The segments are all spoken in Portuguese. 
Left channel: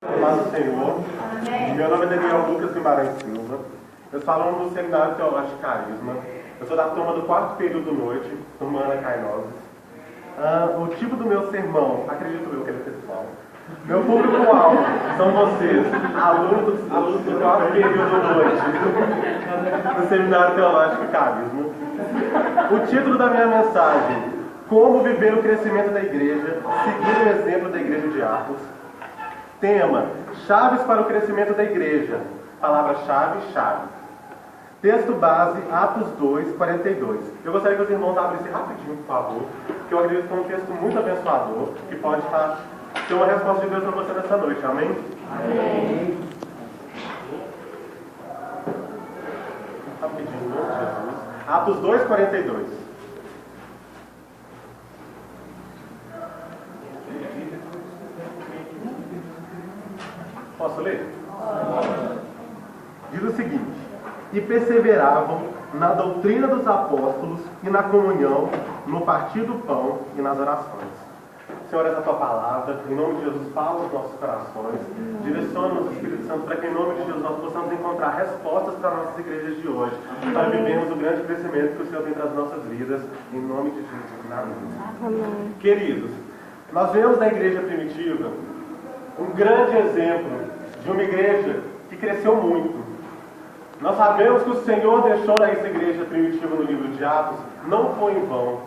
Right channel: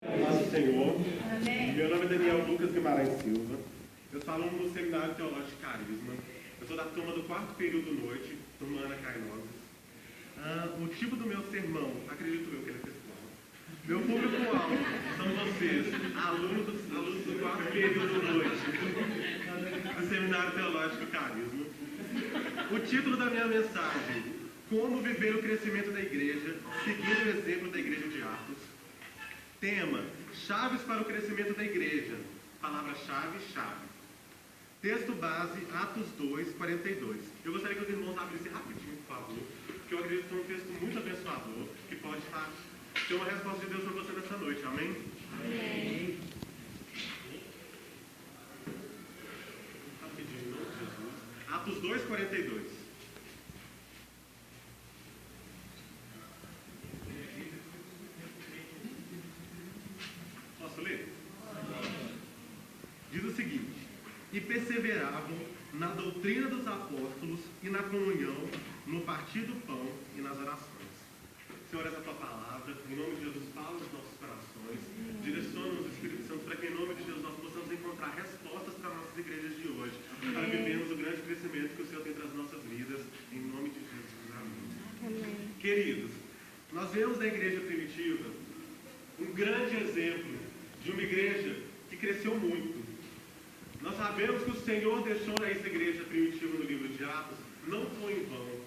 Paz do Senhor. Amém. Meu nome é Daniel Lucas Guimarães Silva. Eu sou aluno do Seminário Teológico Carisma. Eu sou da turma do 4º período noite, turma Ana Cainoses. O tipo do meu sermão, acredito eu que ele é pessoal. Meu público-alvo são vocês, alunos do 4º período noite, do Seminário Teológico Carisma. O título da minha mensagem: Como viver o crescimento da igreja, seguindo o exemplo da igreja de Atos. Tema: chaves para o crescimento da igreja. Palavra-chave, chaves. Texto base, Atos 2, 42. Eu gostaria que os irmãos abrissem rapidinho, por favor, porque eu acredito que é um texto muito abençoador, que pode ser uma resposta de Deus para você nessa noite. Amém? Amém. Rapidinho, em nome de Jesus. Atos 2, 42. Posso ler? Diz o seguinte: e perseveravam na doutrina dos apóstolos e na comunhão, no partir do pão e nas orações. Senhor, essa tua palavra, em nome de Jesus, fala os nossos corações, direciona-nos, Espírito Santo, para que em nome de Jesus nós possamos encontrar respostas para as nossas igrejas de hoje, para vivermos o grande crescimento que o Senhor tem para as nossas vidas, em nome de Jesus. Amém. Queridos, nós vemos na igreja primitiva um grande exemplo de uma igreja que cresceu muito. Nós sabemos que o Senhor deixou essa igreja primitiva no livro de Atos, não foi em vão.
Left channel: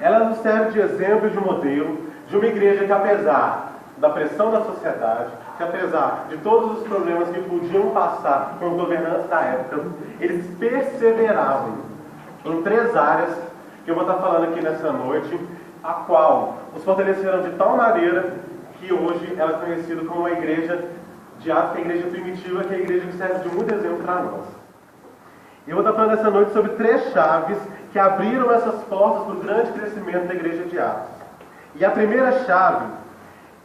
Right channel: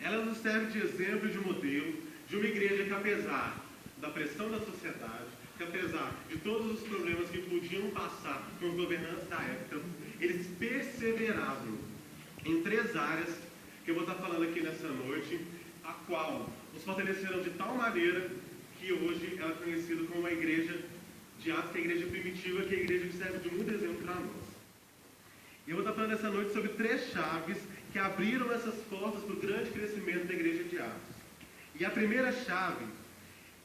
Ela nos serve de exemplo e de modelo de uma igreja que, apesar da pressão da sociedade, que apesar de todos os problemas que podiam passar com os governantes da época, eles perseveravam em 3 áreas que eu vou estar falando aqui nessa noite, a qual os fortaleceram de tal maneira que hoje ela é conhecida como a igreja de Atos, que é a igreja primitiva, que é a igreja que serve de muito exemplo para nós. E eu vou estar falando essa noite sobre 3 chaves que abriram essas portas para o grande crescimento da igreja de Atos. E a primeira chave:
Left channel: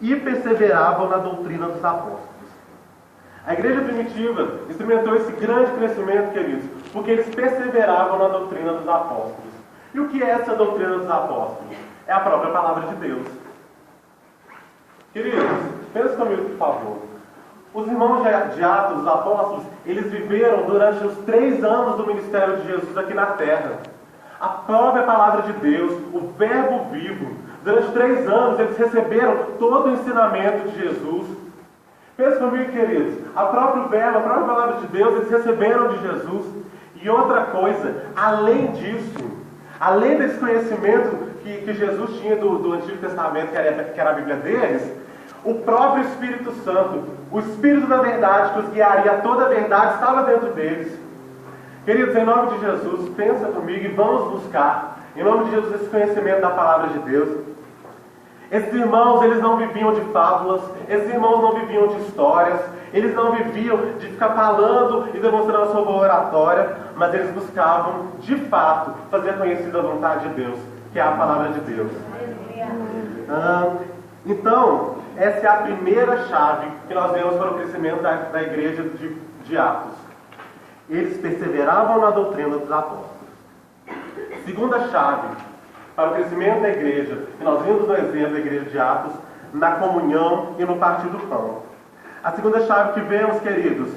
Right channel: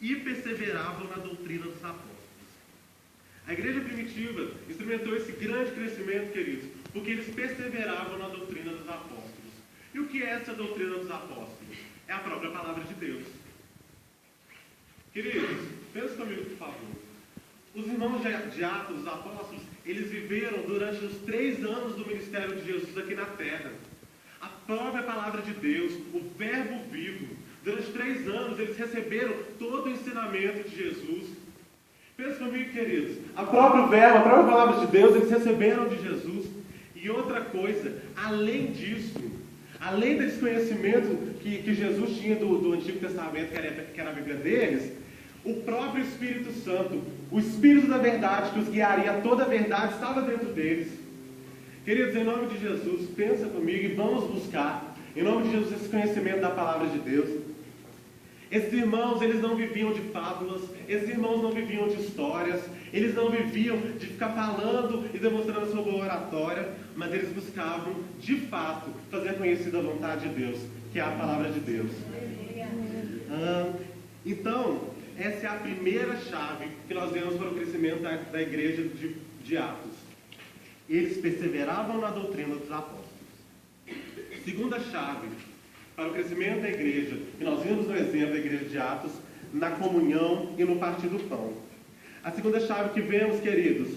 e perseveravam na doutrina dos apóstolos. A igreja primitiva experimentou esse grande crescimento, queridos, porque eles perseveravam na doutrina dos apóstolos. E o que é essa doutrina dos apóstolos? É a própria palavra de Deus. Queridos, pensa comigo, por favor. Os irmãos de Atos, os apóstolos, eles viveram durante os 3 anos do ministério de Jesus aqui na terra. A própria palavra de Deus, o verbo vivo. Durante 3 anos eles receberam todo o ensinamento de Jesus. Pensa comigo, queridos. A própria palavra de Deus, eles receberam de Jesus. E outra coisa, além disso, além desse conhecimento que Jesus tinha do Antigo Testamento, que era a Bíblia deles, o próprio Espírito Santo, o Espírito da verdade que os guiaria a toda a verdade, estava dentro deles. Queridos, em nome de Jesus, pensa comigo e vamos buscar, em nome de Jesus, esse conhecimento da palavra de Deus. Esses irmãos, eles não viviam de fábulas, esses irmãos não viviam de histórias, eles não viviam de ficar falando e demonstrando a sua boa oratória, mas eles buscavam, de fato, fazer conhecida a vontade de Deus, que é a palavra de Deus. Então, essa é a primeira chave que nós vemos para o crescimento da igreja de Atos. Eles perseveravam na doutrina dos apóstolos. Segunda chave para o crescimento da igreja, que nós vimos no exemplo da igreja de Atos, na comunhão e no partir do pão. A segunda chave que vemos, queridos,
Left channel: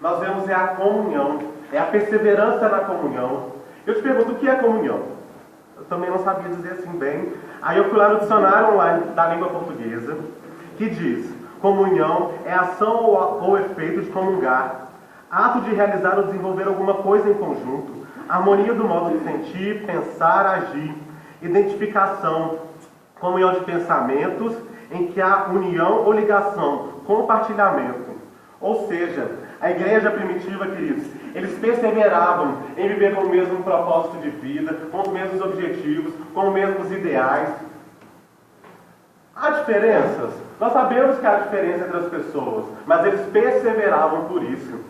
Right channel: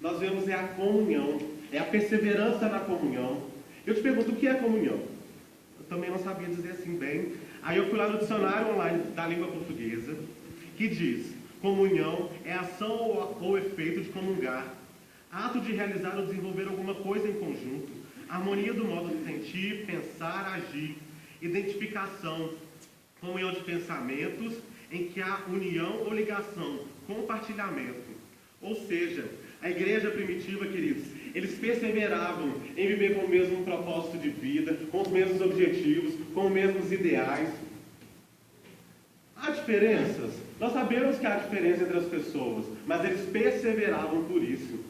nós vemos é a comunhão, é a perseverança na comunhão. Eu te pergunto, o que é comunhão? Eu também não sabia dizer assim bem. Aí eu fui lá no dicionário online da língua portuguesa, que diz: comunhão é ação ou efeito de comungar, ato de realizar ou desenvolver alguma coisa em conjunto, harmonia do modo de sentir, pensar, agir, identificação, comunhão de pensamentos, em que há união ou ligação, compartilhamento. Ou seja, a igreja primitiva, queridos, eles perseveravam em viver com o mesmo propósito de vida, com os mesmos objetivos, com os mesmos ideais. Há diferenças? Nós sabemos que há diferença entre as pessoas, mas eles perseveravam por isso.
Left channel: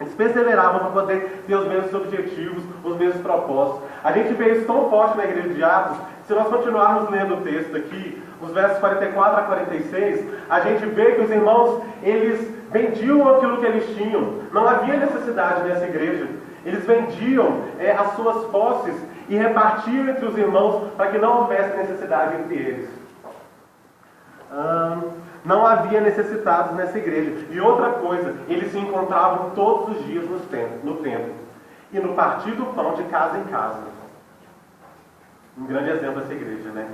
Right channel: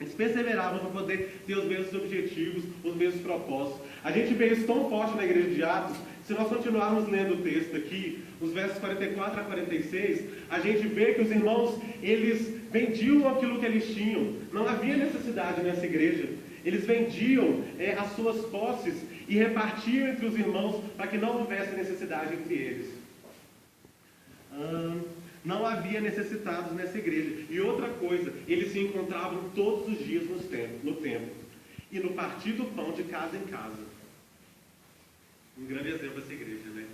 Eles perseveravam para poder ter os mesmos objetivos, os mesmos propósitos. A gente vê isso tão forte na igreja de Atos. Se nós continuarmos lendo o texto aqui, os versos 44 a 46, a gente vê que os irmãos, eles vendiam aquilo que eles tinham. Não havia necessidade nessa igreja. Eles vendiam as suas posses e repartiam entre os irmãos para que não houvesse necessidade entre eles. Não havia necessitados nessa igreja. E outra coisa, eles se encontravam todos os dias no templo. E no partir do pão de casa em casa. Um grande exemplo dessa igreja, né?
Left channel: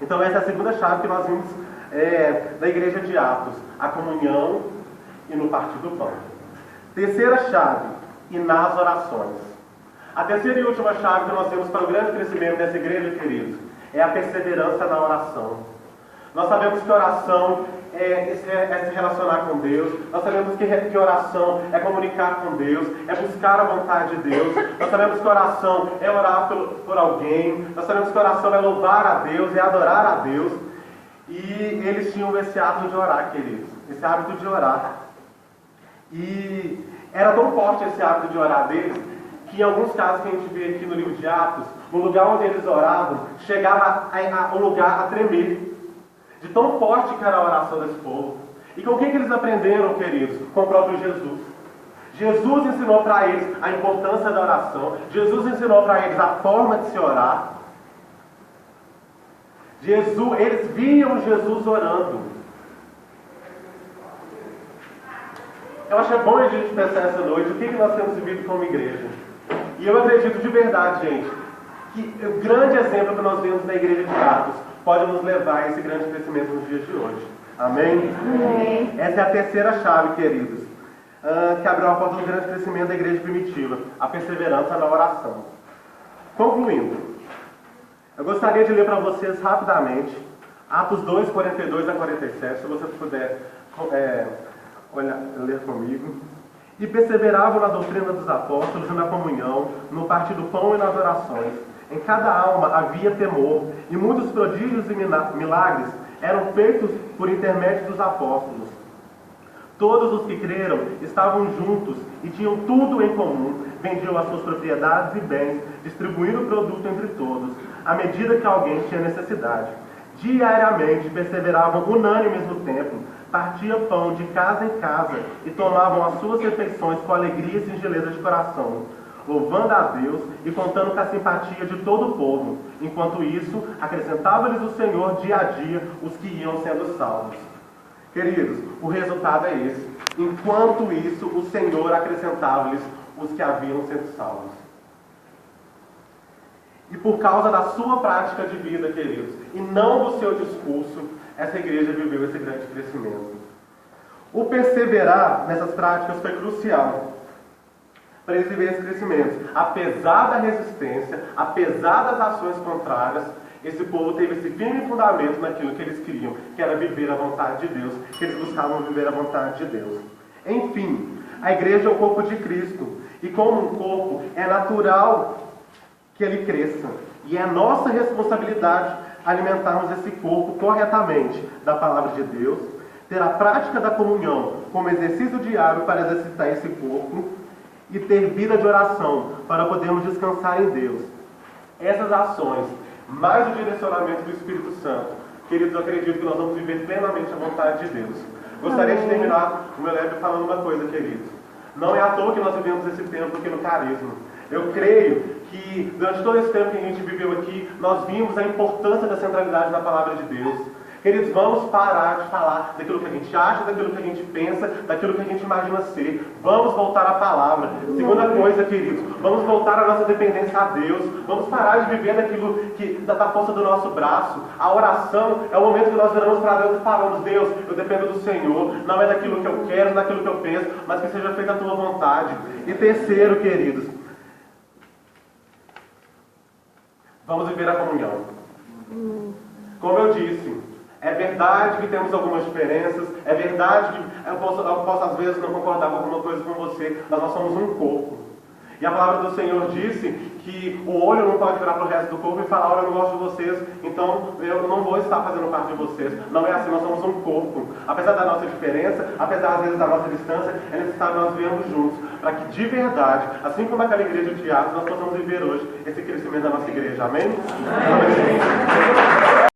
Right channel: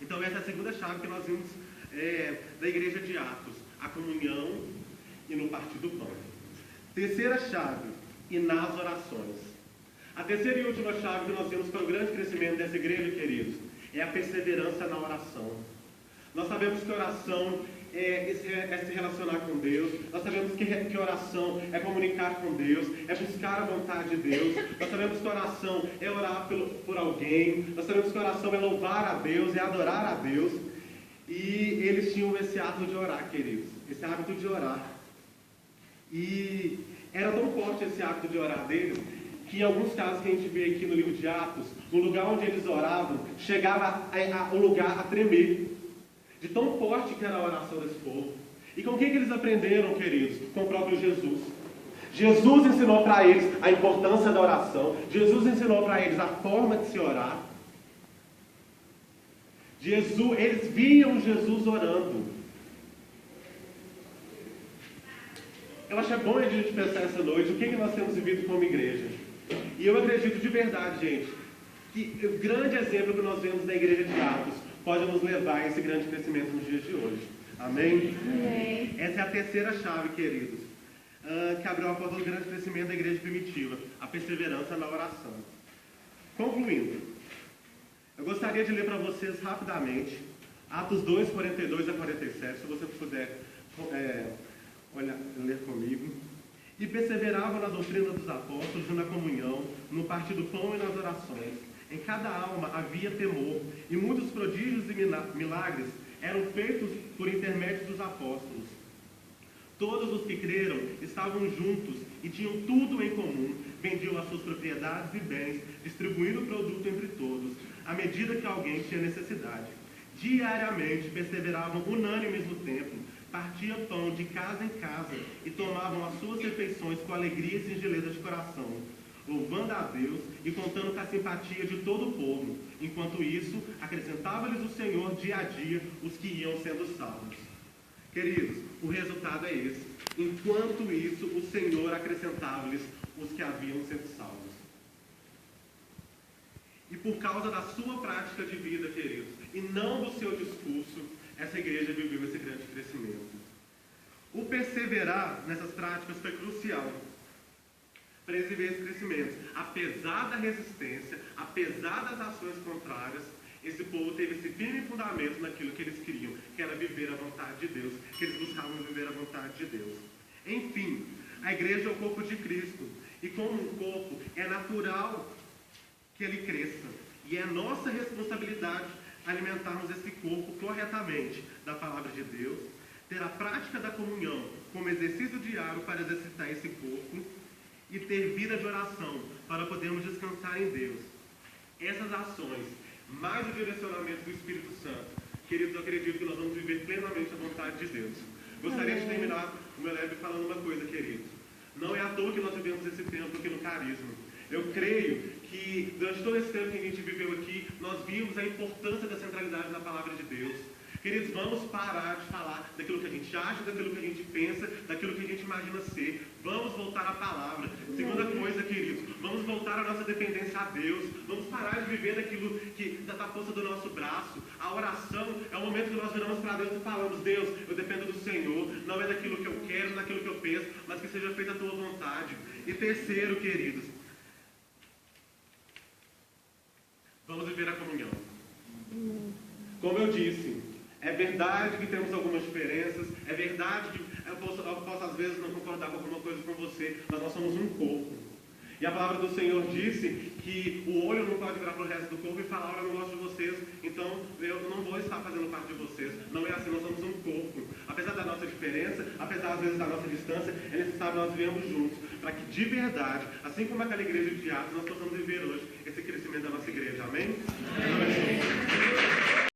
Então essa é a segunda chave que nós vimos da igreja de Atos. A comunhão e no partir do pão. Terceira chave, e nas orações. A terceira e última chave que nós temos para o grande crescimento dessa igreja, queridos, é a perseverança na oração. Nós sabemos que oração é se relacionar com Deus. Nós sabemos que oração é comunicar com Deus, é buscar a vontade de Deus. Nós sabemos que oração é orar por alguém. Nós sabemos que oração é louvar a Deus, é adorar a Deus. E eles tinham esse hábito de orar, queridos. Esse hábito de orar. E era tão forte esse hábito de orar deles, que em alguns casos que a gente vê aqui no livro de Atos, o lugar onde eles oravam, chegava o lugar a tremer. De tão forte que era a oração desse povo. E com o que eles aprenderam, queridos? Com o próprio Jesus. Jesus ensinou para eles a importância da oração. Jesus ensinou para eles a forma de se orar. Eles viam Jesus orando. Eu acho bom a gente pensar essa noite o que nós temos vivido como igreja. E eu acredito de verdade, gente, que o grande exemplo que nós vemos na igreja de Atos pode nos levar a esse grande crescimento nos dias de hoje. Amém? Amém. Essa é a terceira chave, queridos, que abriu a porta do grande crescimento da igreja primitiva, a perseverança na oração. Concluindo, eu gostaria de ler para vocês rapidamente Atos 2, 42 a 47, se você puder ler comigo. E perseveravam na doutrina dos apóstolos e na comunhão, no partir do pão e nas orações. Em cada alma havia temor, e muitos prodígios e milagres eram feitos por intermédio dos apóstolos. Todos os que creram estavam juntos e tinham tudo em comum, vendiam as suas propriedades e bens, distribuindo o produto entre todos, à medida que alguém tinha necessidade. Diariamente perseveravam unânimes no templo, partiam pão de casa em casa e tomavam as suas refeições com alegria e singeleza de coração, louvando a Deus e contando com a simpatia de todo o povo. Enquanto isso, acrescentava-lhes o Senhor dia a dia os que iam sendo salvos. Queridos, o resultado é esse. Enquanto isso, o Senhor acrescentava-lhes os que haviam sido salvos. E por causa da sua prática de vida, queridos, e não do seu discurso, essa igreja viveu esse grande crescimento. O perseverar nessas práticas foi crucial para eles viverem esse crescimento. Apesar da resistência, apesar das ações contrárias, esse povo teve esse firme fundamento naquilo que eles queriam, que era viver a vontade de Deus, que eles buscavam viver a vontade de Deus. Enfim, a igreja é o corpo de Cristo, e como um corpo, é natural que ele cresça. E é nossa responsabilidade alimentarmos esse corpo corretamente da palavra de Deus, ter a prática da comunhão como exercício diário para exercitar esse corpo e ter vida de oração para podermos descansar em Deus. Essas ações, mais o direcionamento do Espírito Santo, queridos, eu acredito que nós vamos viver plenamente a vontade de Deus. Gostaria de terminar o meu leve falando uma coisa, queridos. Não é à toa que nós vivemos esse tempo aqui no Carisma. Eu creio que durante todo esse tempo que a gente viveu aqui, nós vimos a importância da centralidade da palavra de Deus. Queridos, vamos parar de falar daquilo que a gente acha, daquilo que a gente pensa, daquilo que a gente imagina ser. Vamos voltar à palavra. Segunda coisa, queridos, vamos voltar à nossa dependência a Deus. Vamos parar de viver daquilo da força do nosso braço. A oração é o momento que nós viramos para Deus e falamos: Deus, eu dependo do Senhor. Não é daquilo que eu quero, não é daquilo que eu penso, mas que seja feita a tua vontade. E terceiro, queridos, vamos viver a comunhão. Como eu disse, é verdade que temos algumas diferenças, é verdade que eu posso às vezes não concordar com alguma coisa com você, mas nós somos um corpo. E a palavra do Senhor disse que o olho não pode virar para o resto do corpo e falar: olha, eu não gosto de vocês, então eu não vou estar fazendo parte de vocês. Não é assim, nós somos um corpo. Apesar da nossa diferença, apesar às vezes da nossa distância, é necessário nós vivermos juntos, para que de verdade, assim como aquela igreja de Atos, nós possamos viver hoje esse crescimento da nossa igreja. Amém? Amém.